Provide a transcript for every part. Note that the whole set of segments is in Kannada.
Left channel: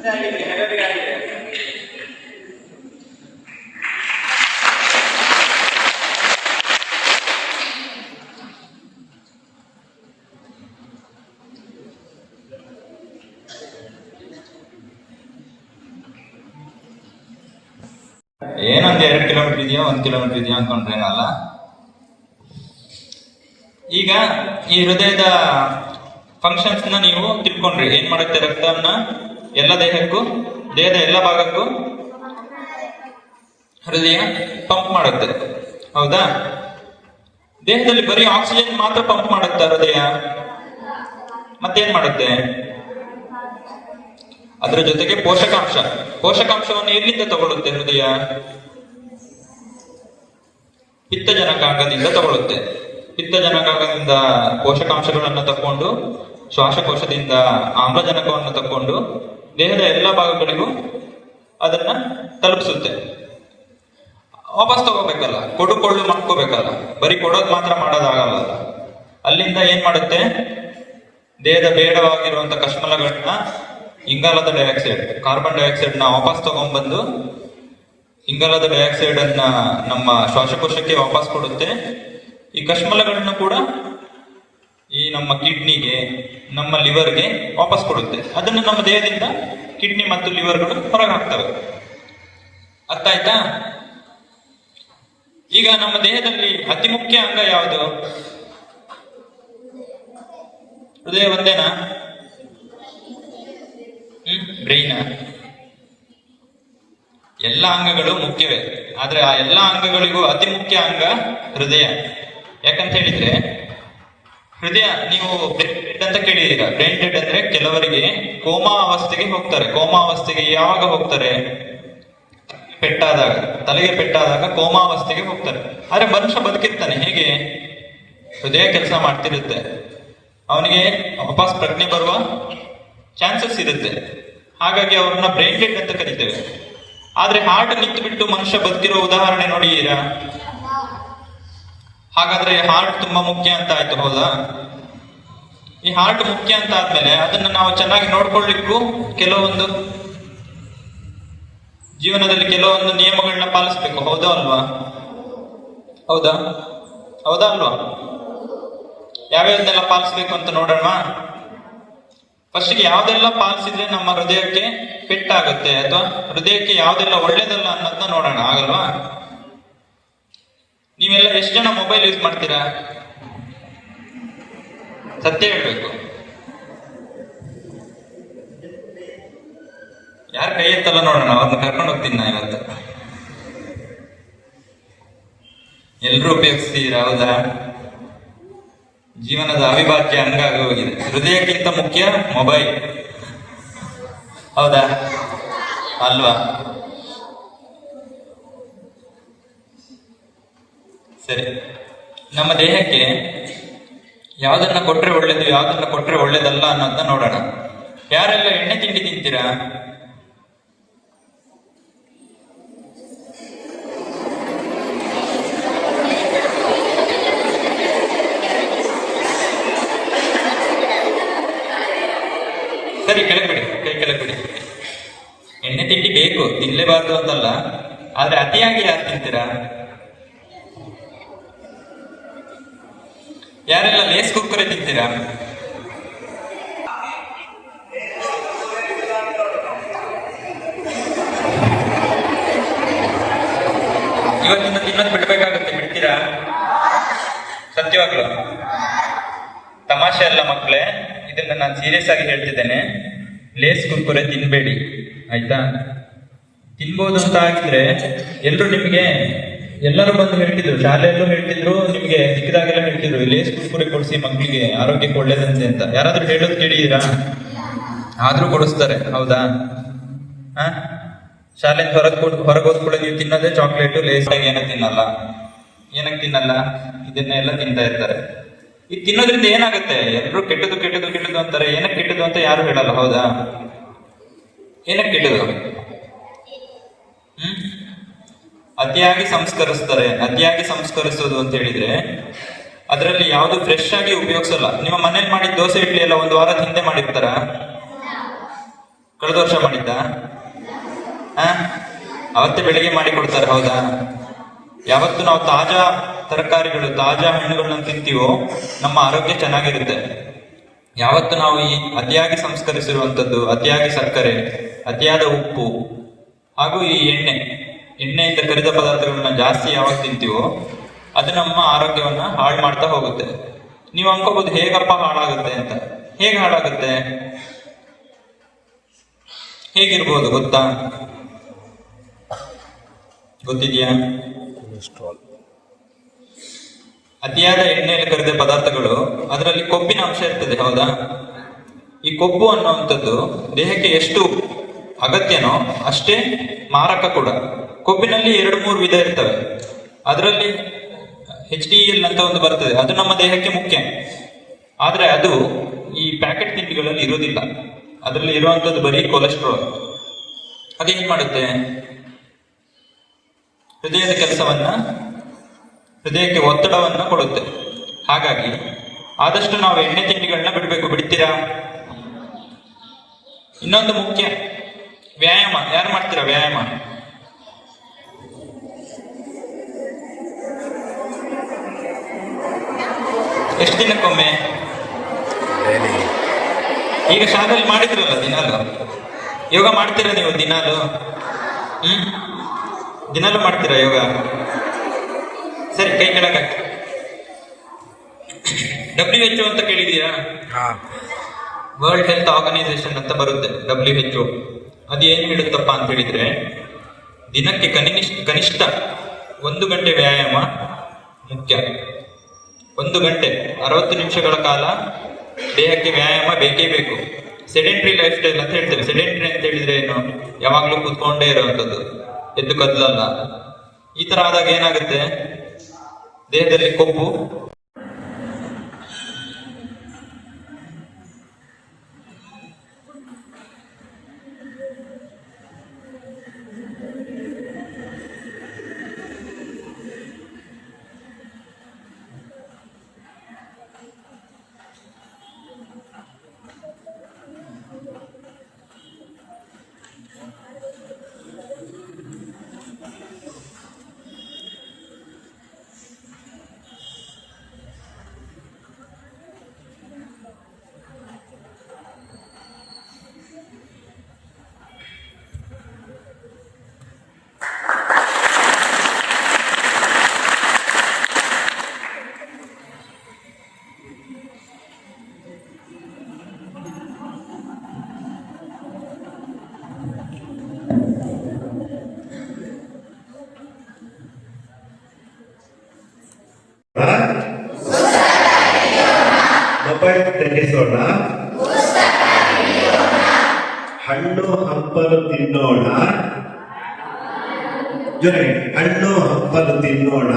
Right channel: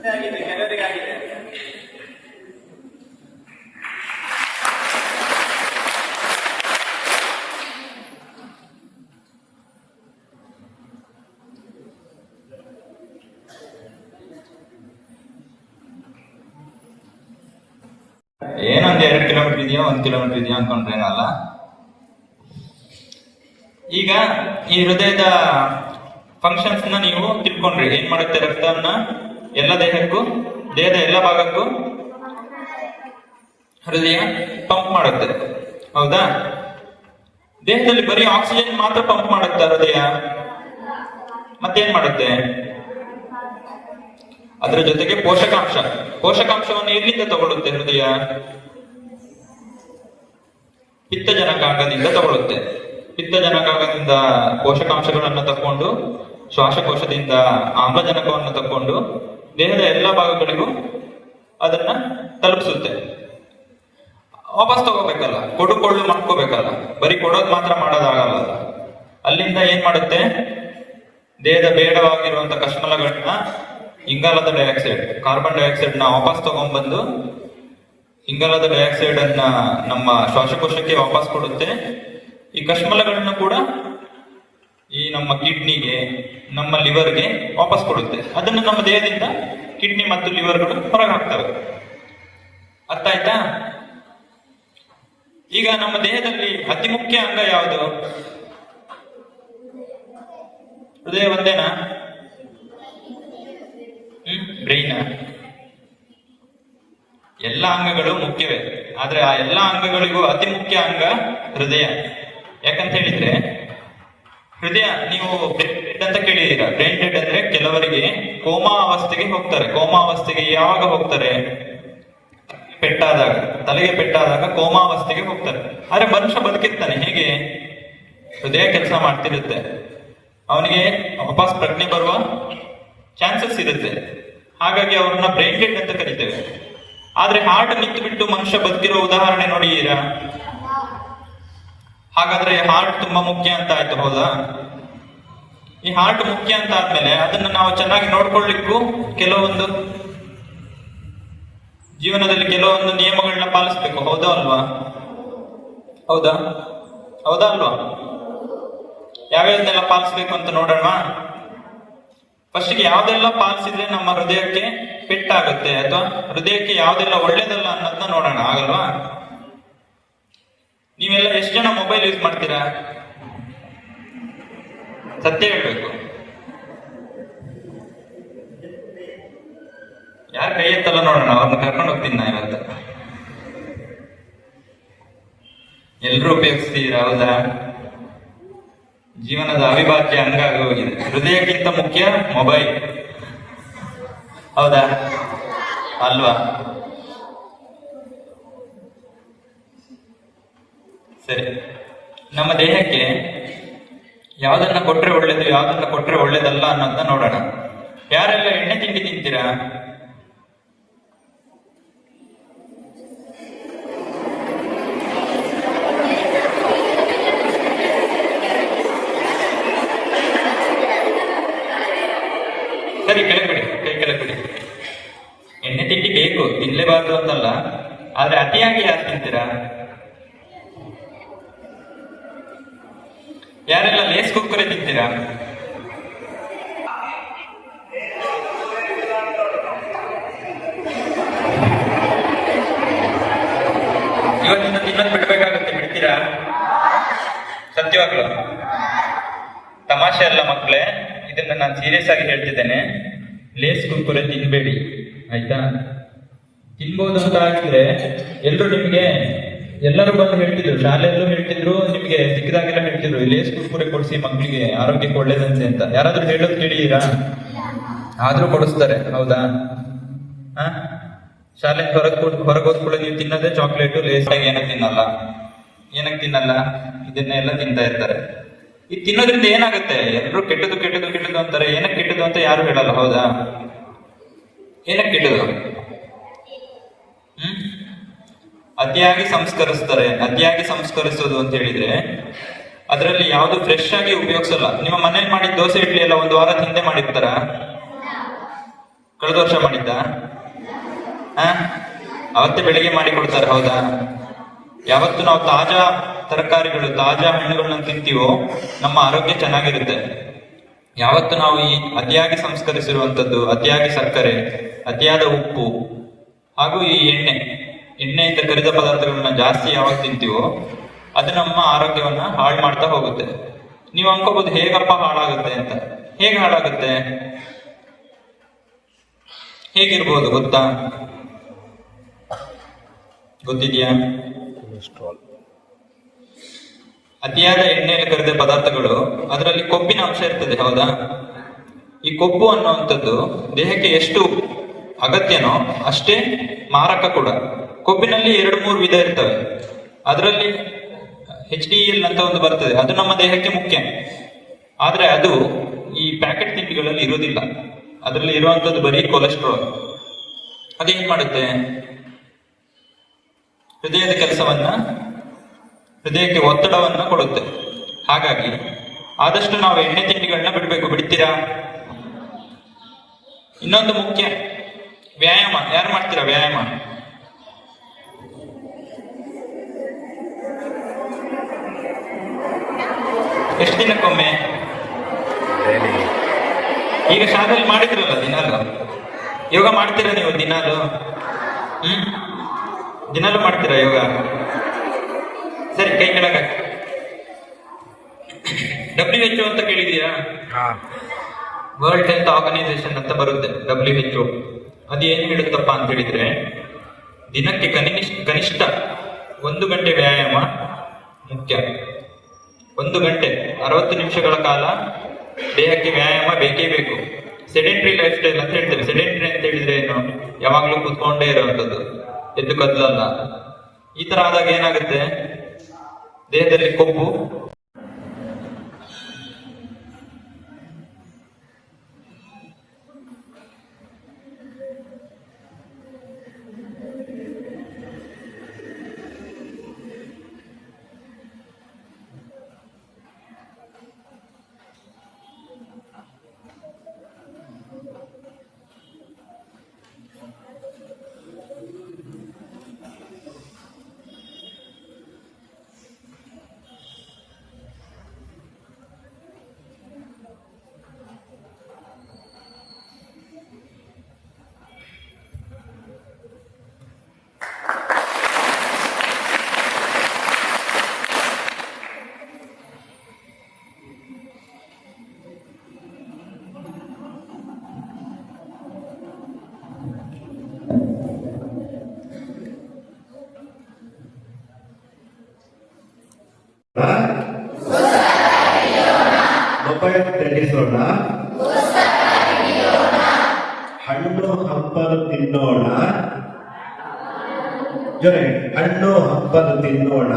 ಏನೊಂದು 2 ಕಿಲೋಮೀಟರ್ ಇದೆಯೋ 1 ಕಿಲೋಮೀಟರ್ ಇದೆಯೋ ಅನ್ಕೊಂಡ್ರೇನಲ್ಲ. ಈಗ ಈ ಹೃದಯದ ಫಂಕ್ಷನ್ಸ್ ನ ನೀವು ತಿಳ್ಕೊಂಡ್ರಿ. ಏನ್ ಮಾಡುತ್ತೆ? ರಕ್ತವನ್ನ ಎಲ್ಲ ದೇಹಕ್ಕೂ, ದೇಹದ ಎಲ್ಲ ಭಾಗಕ್ಕೂ ಹೃದಯ ಪಂಪ್ ಮಾಡುತ್ತೆ, ಹೌದಾ? ದೇಹದಲ್ಲಿ ಬರೀ ಆಕ್ಸಿಜನ್ ಮಾತ್ರ ಪಂಪ್ ಮಾಡುತ್ತೆ ಹೃದಯ, ಮತ್ತೇನ್ ಮಾಡುತ್ತೆ? ಅದರ ಜೊತೆಗೆ ಪೋಷಕಾಂಶವನ್ನು ಎಲ್ಲಿಂದ ತಗೊಳ್ಳುತ್ತೆ ಹೃದಯ? ಪಿತ್ತಜನಕಾಂಗದಿಂದ ತಗೊಳ್ಳುತ್ತೆ. ಪಿತ್ತಜನಕಾಂಗದಿಂದ ಪೋಷಕಾಂಶಗಳನ್ನು ತಕೊಂಡು, ಶ್ವಾಸಕೋಶದಿಂದ ಆಮ್ಲಜನಕವನ್ನು ತಕೊಂಡು ದೇಹದ ಎಲ್ಲ ಭಾಗಗಳಿಗೂ ಅದನ್ನ ತಲುಪಿಸುತ್ತೆ. ವಾಪಸ್ ತಗೋಬೇಕಲ್ಲ, ಕೊಡುಕೊಳ್ಳು ಮಾಡ್ಕೋಬೇಕಲ್ಲ, ಬರೀ ಕೊಡೋದು ಮಾತ್ರ ಮಾಡೋದಾಗಲ್ಲ. ಅಲ್ಲಿಂದ ಏನ್ ಮಾಡುತ್ತೆ? ದೇಹದ ಬೇಡವಾಗಿರುವಂತ ಕಶ್ಮಲಗಳನ್ನ, ಇಂಗಾಲದ ಡೈಆಕ್ಸೈಡ್, ಕಾರ್ಬನ್ ಡೈಆಕ್ಸೈಡ್ ನ ವಾಪಸ್ ತಗೊಂಡ್ಬಂದು ಇಂಗಾಲದ ಡೈಆಕ್ಸೈಡ್ ಅನ್ನ ನಮ್ಮ ಶ್ವಾಸಕೋಶಕ್ಕೆ ವಾಪಸ್ ಕೊಡುತ್ತೆ. ಈ ಕಶ್ಮಲಗಳನ್ನು ಕೂಡ ಈ ನಮ್ಮ ಕಿಡ್ನಿಗೆ, ನಮ್ಮ ಲಿವರ್ಗೆ ವಾಪಸ್ ಕೊಡುತ್ತೆ. ಅದನ್ನು ನಮ್ಮ ದೇಹದಿಂದ ಕಿಡ್ನಿ ಮತ್ತು ಲಿವರ್ಗಳು ಹೊರಗೆ ಹಾಕ್ತವೆ. ಅರ್ಥ ಆಯ್ತಾ? ಈಗ ನಮ್ಮ ದೇಹದಲ್ಲಿ ಅತಿ ಮುಖ್ಯ ಅಂಗ ಯಾವುದು? ಹೃದಯ ಒಂದೇನಾ? ಬ್ರೈನ್? ಎಲ್ಲ ಅಂಗಗಳು ಮುಖ್ಯವೇ, ಆದ್ರೆ ಆ ಎಲ್ಲ ಅಂಗಗಳಿಗೂ ಅತಿ ಮುಖ್ಯ ಅಂಗ ಹೃದಯ. ಯಾಕಂತ ಹೇಳಿದ್ರೆ, ಹೃದಯ, ನೀವು ಬ್ರೈನ್ ಡೆಡ್ ಅಂತ ಕೇಳಿದೀರಾ. ಬ್ರೈನ್ ಡೆಡ್ ಅಂದ್ರೆ ಕೆಲವರಿಗೆ ಕೋಮಾ ಅವಸ್ಥೆಗೆ ಹೋಗ್ತಾರೆ. ಕೋಮಾ ಅವಸ್ಥೆಗೆ ಯಾವಾಗ ಹೋಗ್ತಾರೆ? ತಲೆಗೆ ಪೆಟ್ಟಾದಾಗ ಕೋಮಾ ಅವಸ್ಥೆಗೆ ಹೋಗ್ತಾರೆ. ಆದ್ರೆ ಮನುಷ್ಯ ಬದುಕಿರ್ತಾನೆ. ಹೇಗೆ? ಹೃದಯ ಕೆಲಸ ಮಾಡ್ತಿರುತ್ತೆ, ಅವನಿಗೆ ವಾಪಸ್ ಪ್ರಜ್ಞೆ ಬರುವ ಚಾನ್ಸಸ್ ಇರುತ್ತೆ. ಹಾಗಾಗಿ ಅವ್ರನ್ನ ಬ್ರೈನ್ ಡೆಡ್ ಅಂತ ಕರಿತೇವೆ. ಆದ್ರೆ ಹಾರ್ಟ್ ನಿಂತು ಬಿಟ್ಟು ಮನುಷ್ಯ ಬದುಕಿರೋ ಉದಾಹರಣೆ ನೋಡಿದೀರಾ? ಹಾಗಾದ್ರೆ ಹಾರ್ಟ್ ತುಂಬಾ ಮುಖ್ಯ ಅಂತ ಆಯ್ತು, ಹೌದಾ? ಈ ಹಾರ್ಟ್ ಮುಖ್ಯ ಅಂತ ಆದ್ಮೇಲೆ ಅದನ್ನ ನಾವು ಚೆನ್ನಾಗಿ ನೋಡ್ಕೊಳ್ಳಿಕ್ಕೂ ಕೆಲವೊಂದು ಜೀವನದಲ್ಲಿ ಕೆಲವೊಂದು ನಿಯಮಗಳನ್ನ ಪಾಲಿಸ್ಬೇಕು, ಹೌದಾ ಅಲ್ವಾ? ಹೌದಾ ಅಲ್ವಾ? ಯಾವ್ಯಾವ್ದನ್ನೆಲ್ಲ ಪಾಲಿಸ್ಬೇಕು ಅಂತ ನೋಡೋಣ. ಫಸ್ಟ್ಗೆ ಯಾವ್ದೆಲ್ಲ ಪಾಲಿಸಿದ್ರೆ ನಮ್ಮ ಹೃದಯಕ್ಕೆ ಪೆಟ್ಟಾಗುತ್ತೆ, ಅಥವಾ ಹೃದಯಕ್ಕೆ ಯಾವ್ದೆಲ್ಲ ಒಳ್ಳೇದಲ್ಲ ಅನ್ನೋದನ್ನ ನೋಡೋಣ, ಆಗಲ್ವಾ? ನೀವೆಲ್ಲ ಎಷ್ಟು ಜನ ಮೊಬೈಲ್ ಯೂಸ್ ಮಾಡ್ತೀರಾ? ಸತ್ಯ ಹೇಳ್ಬೇಕು. ಯಾರು ಕೈ ಎತ್ತಲ್ಲ ನೋಡೋಣ, ಅವ್ರನ್ನ ಕರ್ಕೊಂಡು ಹೋಗ್ತೀನಿ ನಾ ಇವತ್ತು. ಎಲ್ರೂ ಉಪಯೋಗಿಸ್ತೀರಾ, ಹೌದಾ? ಜೀವನದ ಅವಿಭಾಜ್ಯ ಅಂಗ ಆಗಿ ಹೋಗಿದೆ. ಹೃದಯಕ್ಕಿಂತ ಮುಖ್ಯ ಮೊಬೈಲ್, ಹೌದಾ ಅಲ್ವಾ? ಸರಿ, ನಮ್ಮ ದೇಹಕ್ಕೆ ಯಾವ್ದನ್ನ ಕೊಟ್ರೆ ಒಳ್ಳೇದು, ಯಾವ್ದನ್ನ ಕೊಟ್ರೆ ಒಳ್ಳೇದಲ್ಲ ಅನ್ನೋದನ್ನ ನೋಡೋಣ. ಯಾರೆಲ್ಲ ಎಣ್ಣೆ ತಿಂಡಿ ತಿಂತೀರಾ? ಸರಿ, ಕೆಳಗ್ಬಿಡಿ, ಕೈ ಕೆಳಗ್ಬಿಡಿ. ಎಣ್ಣೆ ತಿಂಡಿ ಬೇಕು, ತಿನ್ಲೇಬಾರ್ದು ಅಂತಲ್ಲ, ಆದ್ರೆ ಅತಿಯಾಗಿ ಯಾರು ತಿಂತೀರಾ? ಯಾರೆಲ್ಲ ಲೇಸ್ ಕುರ್ಕುರೆ ತಿಂತೀರಾ? ಇವತ್ತಿಂದ ತಿನ್ನೋದು ಬಿಡ್ಬೇಕಾಗುತ್ತೆ, ಬಿಡ್ತೀರಾ? ಸತ್ಯವಾಗ್ಲು ತಮಾಷೆ ಅಲ್ಲ ಮಕ್ಕಳೇ, ಇದನ್ನ ನಾನು ಸೀರಿಯಸ್ ಆಗಿ ಹೇಳ್ತಿದ್ದೇನೆ. ಲೇಸ್ ಕುರ್ಕುರೆ ತಿನ್ಬೇಡಿ, ಆಯ್ತಾ? ತಿನ್ಬೋದು ಅಂತ ಆಗಿದ್ರೆ ಎಲ್ಲರೂ ಬಂದು ಹೇಳ್ತಿದ್ರು, ಶಾಲೆಯಲ್ಲೂ ಹೇಳ್ತಿದ್ರು, ನಿಮ್ಗೆ ಸಿಕ್ಕಿದಾಗೆಲ್ಲ ಹೇಳ್ತಿದ್ರು, ಲೇಸ್ ಕುರ್ಕುರೆ ಕೊಡಿಸಿ ಮಕ್ಕಳಿಗೆ, ಆರೋಗ್ಯಕ್ಕೆ ಒಳ್ಳೇದಂತೆ ಅಂತ. ಯಾರಾದ್ರೂ ಹೇಳೋದು ಕೇಳಿದೀರಾ? ಆದ್ರೂ ಕೊಡಿಸ್ತಾರೆ, ಹೌದಾ? ಶಾಲೆ ಹೊರಗೋದ್ಕೊಳ್ಳಿ, ನೀವು ತಿನ್ನೋದೇ ಚಾಕ್ಲೇಟ್, ಲೇಸ್. ಏನಕ್ಕೆ ತಿನ್ನಲ್ಲ? ಇದನ್ನೆಲ್ಲ ತಿಂತಾ ಇರ್ತಾರೆ. ಇದು ತಿನ್ನೋದ್ರಿಂದ ಏನಾಗುತ್ತೆ? ಎಲ್ಲರೂ ಕೆಟ್ಟದು ಅಂತಾರೆ. ಏನಕ್ಕೆ ಕೆಟ್ಟದು ಅಂತ ಯಾರು ಹೇಳಲ್ಲ, ಹೌದಾ? ಏನಕ್ಕೆ ಕೆಟ್ಟದು? ಅತಿಯಾಗಿ ಸಂಸ್ಕರಿಸ್ತಾರೆ. ಅತಿಯಾಗಿ ಸಂಸ್ಕರಿಸೋದು ಅಂತ ಹೇಳಿದ್ರೆ ಅದರಲ್ಲಿ ಯಾವ್ದು ಫ್ರೆಶ್ ಆಗಿ ಉಪಯೋಗಿಸಲ್ಲ. ನಿಮ್ಮ ಮನೇಲಿ ಮಾಡಿದ ದೋಸೆ ಇಡ್ಲಿ ಎಲ್ಲ 1 ವಾರದ ಹಿಂದೆ ಮಾಡಿರ್ತಾರ? ಕಳೆದ ವರ್ಷ ಮಾಡಿದ್ದ? ಅವತ್ತೇ ಬೆಳಿಗ್ಗೆ ಮಾಡಿ ಕೊಡ್ತಾರೆ, ಹೌದಾ? ಯಾವತ್ತು ನಾವು ತಾಜಾ ತರಕಾರಿಗಳು, ತಾಜಾ ಹಣ್ಣುಗಳನ್ನ ತಿಂತೀವೋ ನಮ್ಮ ಆರೋಗ್ಯ ಚೆನ್ನಾಗಿರುತ್ತೆ. ಯಾವತ್ತು ನಾವು ಈ ಅತಿಯಾಗಿ ಸಂಸ್ಕರಿಸಿರುವಂತದ್ದು, ಅತಿಯಾಗಿ ಸಕ್ಕರೆ, ಅತಿಯಾದ ಉಪ್ಪು ಹಾಗೂ ಈ ಎಣ್ಣೆಯಿಂದ ಕರಿದ ಪದಾರ್ಥಗಳನ್ನ ಜಾಸ್ತಿ ಯಾವಾಗ ತಿಂತೀವೋ ಅದು ನಮ್ಮ ಆರೋಗ್ಯವನ್ನ ಹಾಳು ಮಾಡ್ತಾ ಹೋಗುತ್ತೆ. ನೀವು ಅನ್ಕೋಬಹುದು ಹೇಗಪ್ಪ ಹಾಳಾಗುತ್ತೆ ಅಂತ. ಹೇಗೆ ಹಾಳಾಗುತ್ತೆ? ಹೇಗಿರ್ಬೋದು ಗೊತ್ತಾ? ಗೊತ್ತಿದೆಯಾ? ಅತಿಯಾದ ಎಣ್ಣೆಯಲ್ಲಿ ಕರಿದ ಪದಾರ್ಥಗಳು, ಅದರಲ್ಲಿ ಕೊಬ್ಬಿನ ಅಂಶ ಇರ್ತದೆ, ಹೌದಾ? ಈ ಕೊಬ್ಬು ಅನ್ನುವಂಥದ್ದು ದೇಹಕ್ಕೆ ಎಷ್ಟು ಅಗತ್ಯನೋ ಅಷ್ಟೇ ಮಾರಕ ಕೂಡ. ಕೊಬ್ಬಿನಲ್ಲಿ 2-3 ವಿಧ ಇರ್ತವೆ. ಅದರಲ್ಲಿ HDL ಅಂತ ಒಂದು ಬರ್ತದೆ, ಅದು ನಮ್ಮ ದೇಹಕ್ಕೆ ಮುಖ್ಯ. ಆದ್ರೆ ಅದು ಈ ಪ್ಯಾಕೆಟ್ ತಿಂಡಿಗಳಲ್ಲಿ ಇರೋದಿಲ್ಲ. ಅದರಲ್ಲಿ ಇರುವಂತದ್ದು ಬರೀ ಕೊಲೆಸ್ಟ್ರಾಲ್. ಅದೇನ್ ಮಾಡುತ್ತೆ? ಹೃದಯದ ಕೆಲಸವನ್ನ, ಹೃದಯಕ್ಕೆ ಒತ್ತಡವನ್ನ ಕೊಡುತ್ತೆ. ಹಾಗಾಗಿ ಆದಷ್ಟು ನಾವು ಎಣ್ಣೆ ತಿಂಡಿಗಳನ್ನ ಬಿಡಬೇಕು. ಬಿಡ್ತೀರಾ? ಇನ್ನೊಂದು ಮುಖ್ಯ, ವ್ಯಾಯಾಮ. ಯಾರು ಮಾಡ್ತೀರಾ ವ್ಯಾಯಾಮ? ಎಷ್ಟು ದಿನಕ್ಕೊಮ್ಮೆ? ಈಗ ಶಾಲೆಯಲ್ಲಿ ಮಾಡಿದ್ರಲ್ಲ ದಿನಾಲು. ಯೋಗ ಮಾಡ್ತೀರಾ ನೀವು ದಿನಾಲು? ದಿನಾಲು ಮಾಡ್ತೀರಾ ಯೋಗ? ಸರಿ, ಕೈ ಕೆಳಗೆ. WHO ಅಂತ ಕೇಳಿದೀಯಾ? ವರ್ಲ್ಡ್ ಹೆಲ್ತ್ ಆರ್ಗನೈಸೇಷನ್ ಅಂತ ಬರುತ್ತೆ, WHO. ಅದು ಏನು ಹೇಳುತ್ತಪ್ಪ ಅಂತ ಹೇಳಿದ್ರೆ, ದಿನಕ್ಕೆ ಕನಿಷ್ಠ 1 ಗಂಟೆ ವ್ಯಾಯಾಮ ಮುಖ್ಯ. 1 ಗಂಟೆ 60 ನಿಮಿಷಗಳ ಕಾಲ ದೇಹಕ್ಕೆ ವ್ಯಾಯಾಮ ಬೇಕೇ ಬೇಕು. ಸೆಡೆಂಟ್ರಿ ಲೈಫ್ ಸ್ಟೈಲ್ ಅಂತ ಹೇಳ್ತೇವೆ. ಸೆಡೆಂಟ್ರಿ ಅಂತ ಹೇಳಿದ್ರೆ ಏನು? ಯಾವಾಗ್ಲೂ ಕೂತ್ಕೊಂಡೇ ಇರುವಂತದ್ದು, ಎದ್ದು ಕದ್ದಲ್ಲ. ಈ ತರ ಆದಾಗ ಏನಾಗುತ್ತೆ? ದೇಹದಲ್ಲಿ ಕೊಬ್ಬು ಮೊಬೈಲ್ ತೆಗೆಸೋಣ, ಹಣ್ಣು ಹಂಪಲು ತಿನ್ನೋಣ, ಜೊತೆಗೆ ಹಣ್ಣು ಹಂಪಲು ತಿನ್ನೋಣ,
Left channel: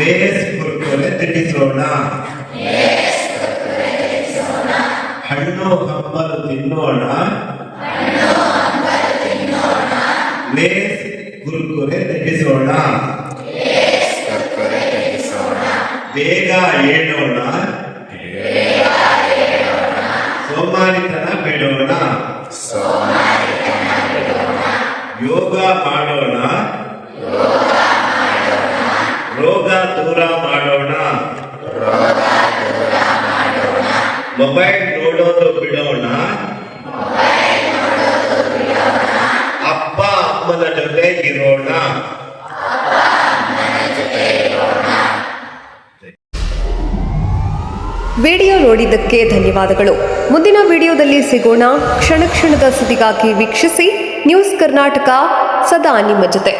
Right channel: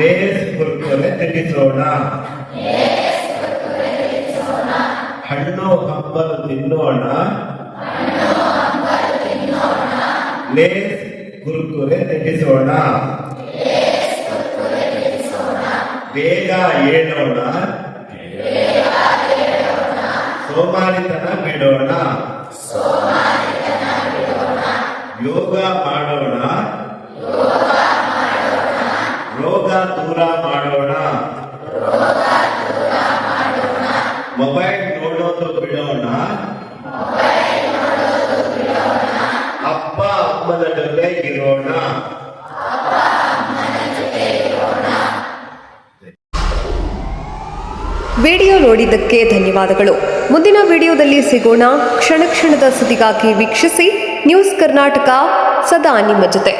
ಲೇಸ್ ಕುರ್ಕುರೆ ತಿನ್ನಿಸೋಣ. ಹಣ್ಣು ಹಂಪಲು ತಿನ್ನೋಣ, ಲೇಸ್ ಕುರ್ಕುರೆ ತಿನ್ನಿಸೋಣ. ಬೇಗ ಏಳೋಣ, ಸೋಮಾರಿತನ ಬಿಡೋಣ. ಯೋಗ ಮಾಡೋಣ, ರೋಗ ದೂರ ಮಾಡೋಣ. ಮೊಬೈಲ್ ನೋಡೋದು ಬಿಡೋಣ, ಅಪ್ಪ ಅಮ್ಮನ ಜೊತೆ ಇರೋಣ. ವಿಡಿಯೋ ನೋಡಿದ್ದಕ್ಕೆ ಧನ್ಯವಾದಗಳು. ಮುಂದಿನ ವಿಡಿಯೋದಲ್ಲಿ ಸಿಗೋಣ. ಕ್ಷಣ ಕ್ಷಣದ ಸುದ್ದಿಗಾಗಿ ವೀಕ್ಷಿಸಿ ನ್ಯೂಸ್ ಕರ್ನಾಟಕ, ಸದಾ ನಿಮ್ಮ ಜೊತೆ.